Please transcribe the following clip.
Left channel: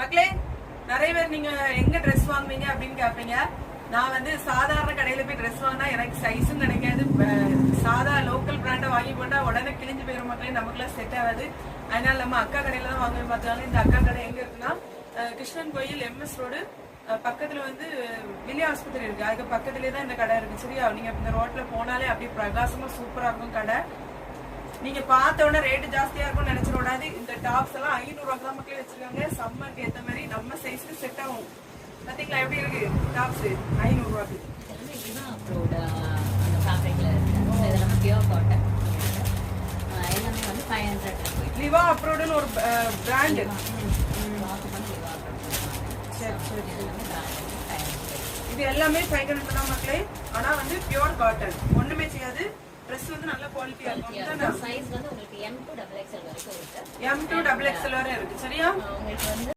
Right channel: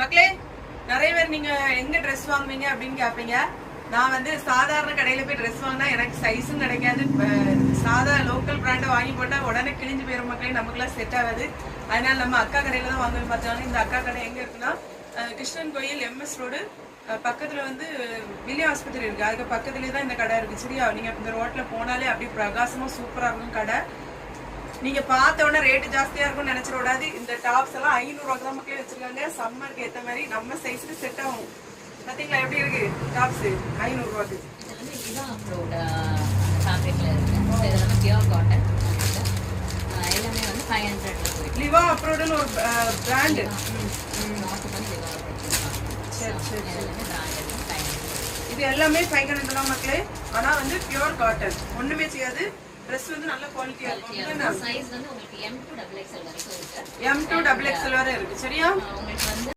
மக்களே, நிறைய பேர் நீங்க எங்க ட்ரெஸ் வாங்குவீங்க அப்படின்னு கேட்பீங்க. நான் வந்து சாதாரண கடையில போய் ட்ரெஸ் வாங்கினா எனக்கு சைஸும் கிடைக்காது. சாதா லோக்கல் பிராண்டை வாங்கி போட்டா உடனே கிழிஞ்சு போயிடும் மக்களே, நமக்குலாம் செட் ஆகாது. அதனால நம்ம அக்கா கடையில தான் வாங்கணும்னு பார்த்தாங்க. இந்த அக்கா கடை எங்க இருக்குன்னா கிருஷ்ணன் கோயில் MS ரோடு பக்கத்துல வந்து வில்லியம் ஆஸ்பத்திரி இருக்கு. அதுக்கு பக்கத்துலேயே தான் இந்த கடை இருக்கு. சரியா, நீங்க இந்த ரோட்ல போனாலே அப்படியே பிரகாசமா சூப்பரா இருக்கும் கடை. நீங்க பார்த்த உடனே ரேட்டு ஜாஸ்தியா இருக்கும்னு நினைச்சிட கூடாது. இந்த டாப்ஸ் எல்லாம் 500 ரூபாய்க்கு தான் மக்களே வச்சிருக்காங்க. சம்மருக்கு ஏத்த மாதிரி நம்ம சைஸ்க்கு செட் ஆகும். பாத்தீங்களா எப்படி இருக்கு டாப்ஸ் 500 ரூபாய்க்கு. எல்லாமே வந்து 500 லிவா அப்ரோடுன்னு ஒரு பிராண்ட். இது எல்லாமே 500 தான் மக்களே. ஆனா வந்து பியூர் காட்டன், ஒண்ணுமே செய்யாது. ட்ரெஸ் வந்து நல்ல குவாலிட்டியா இருக்கும். சைஸ் வந்து உங்களுக்கு M to XXL வரைக்கும் இருக்கு. M to XXL வரை இருக்கு. சரியா, உங்களுக்கு வந்து